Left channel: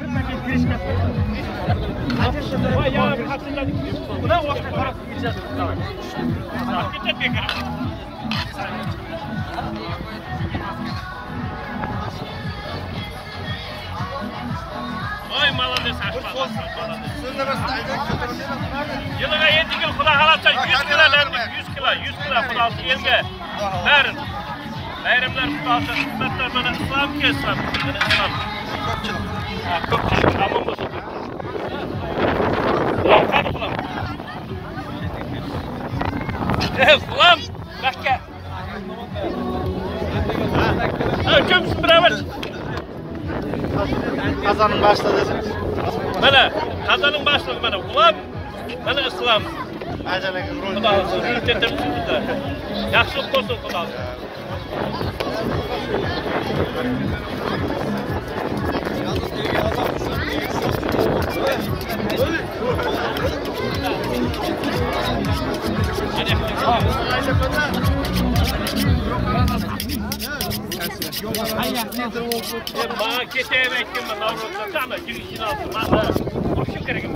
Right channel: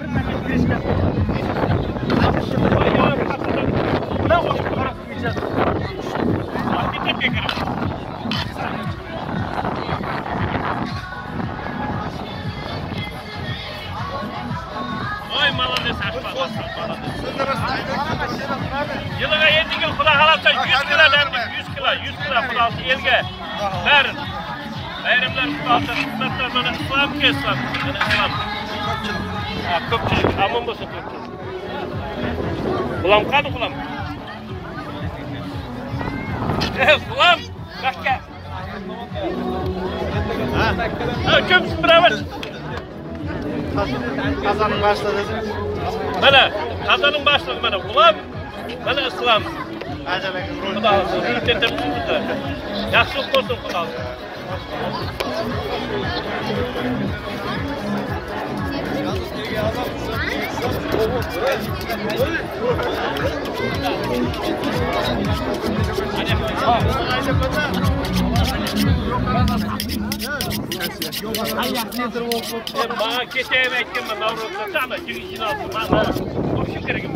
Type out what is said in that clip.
bir paket girişken. Vay ya, buna vakit karakterimiz. Hakikaten bekar. Oy молодец, aşma, молодец. Yılığa 7 yıl Xudo xalasa 100 kilo lemlik, 100 kilo Xudosi elga berin. Bayramlar Xudosi xizmatlar mana islom kelsin, mana islom. Ko'pchilik amon bo'lsa Qulam qani qulam? Qulam, makka. Kim biravar? Qazanın başlığı. Mana qazanın başlığı mana qulam, mana islom. Xudo sizni keltiribdi. Yaxshi bo'lsin Xudo. Bana geçeyim ettim ben Avrupa'da ama girişini aldım. Ama o şey gerek yok.